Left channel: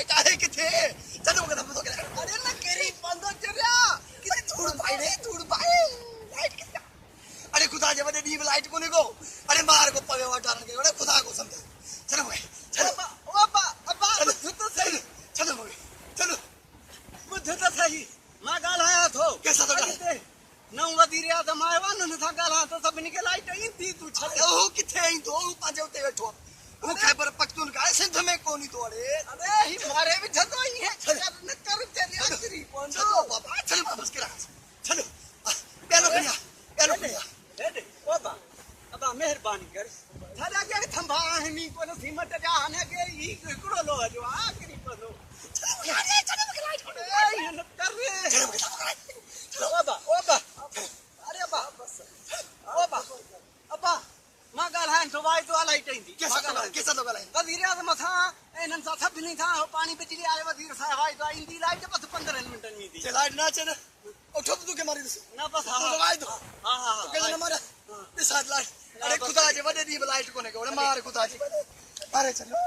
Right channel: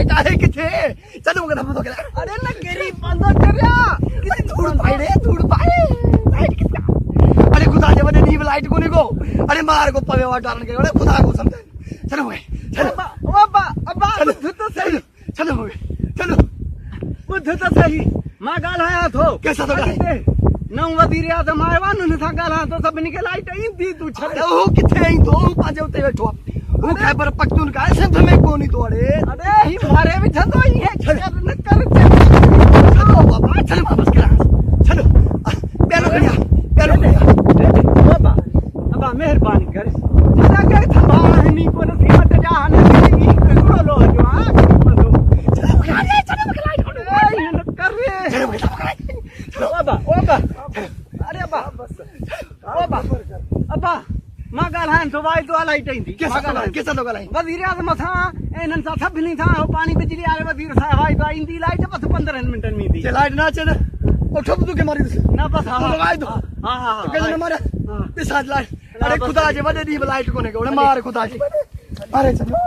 light आहे किथे चलो मग धबधबा केला अरे ना गरीब बंद करया किती धूळ पाय रे धूळ पाय लाइट किती अरे खुदा जे बने नी लाइट कोनी को अरे मार को पवे वाटारण के अरे खुदा को समझ चलो भाई चलो अब्बा अब्बा बुद्ध तो सही चलो भाई चलो बुद्ध तो सही मां गाल आया थो कैसा तो गाल नौ वदीरिया तो मारवा न था गाल तो सब निकल लाइट इंदी तू छड़ ओ किथे आई तो पाजे उते बैठो वो खैबर पख्तूनख्वा सिंध में कोनी तो अरे ही मारे भी छतो ही है कर न कर चलो बाबा चलो वापस करा चलो पैरो भैया दे बाबा अब्बा मेहरबानी कर दादा के थंबा हनी को न सीमट जा न ई कुड़ो लो जो आ बदो चलो लाइट कर रे चलो बाबा अरे अब्बा बस अब्बा मां गालान तो वाई तो लाइट इंदी कैसा तो गालान वजीर आजम था एनन सा सब नहीं था पानी बिजली आले वजीर साहब वाई तो इंदी लाइट बस 15 मिनट में दी लाइट ना चल उठो तू के मारी ना बस हां वाई तो हां के न मारे पे साथ लाइट अरे खुदा जे वडे दी लाइट कोने के मार खुदा जी अरे चलो